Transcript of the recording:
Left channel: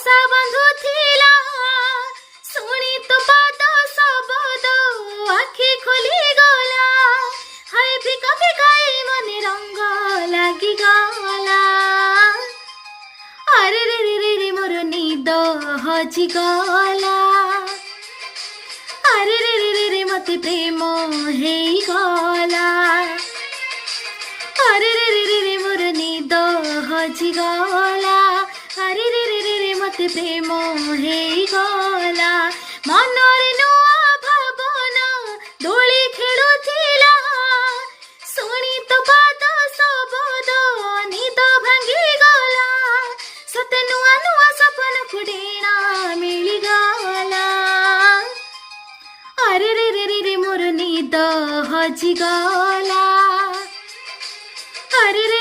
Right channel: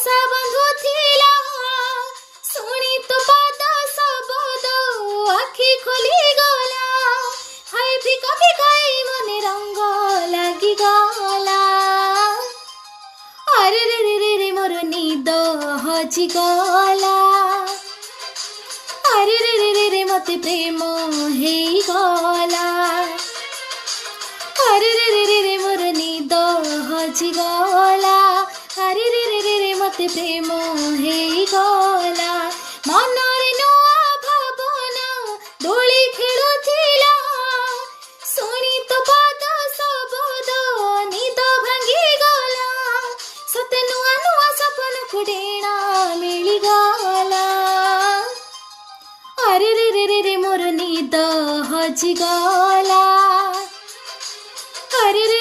आशा बंधुथिला शुणी तो पाद शब्द आखि खोली गला हाय फिका फिकाई मने रंग लागी गला अरे रे रे रे रे मोर निद हजी गला अरे रे रे रे रे मते प्रेम हेई गला अरे रे रे रे रे मोर निद हजी गला अरे रे रे रे रे मते प्रेम हेई गला मनरे नुआ भावना डोली खेलुथिला शुणी तो पाद शब्द निद भांगी गला सते नुआ नुआ सपन को डेणा मिली गला अरे रे रे रे रे मोर निद हजी गला अरे रे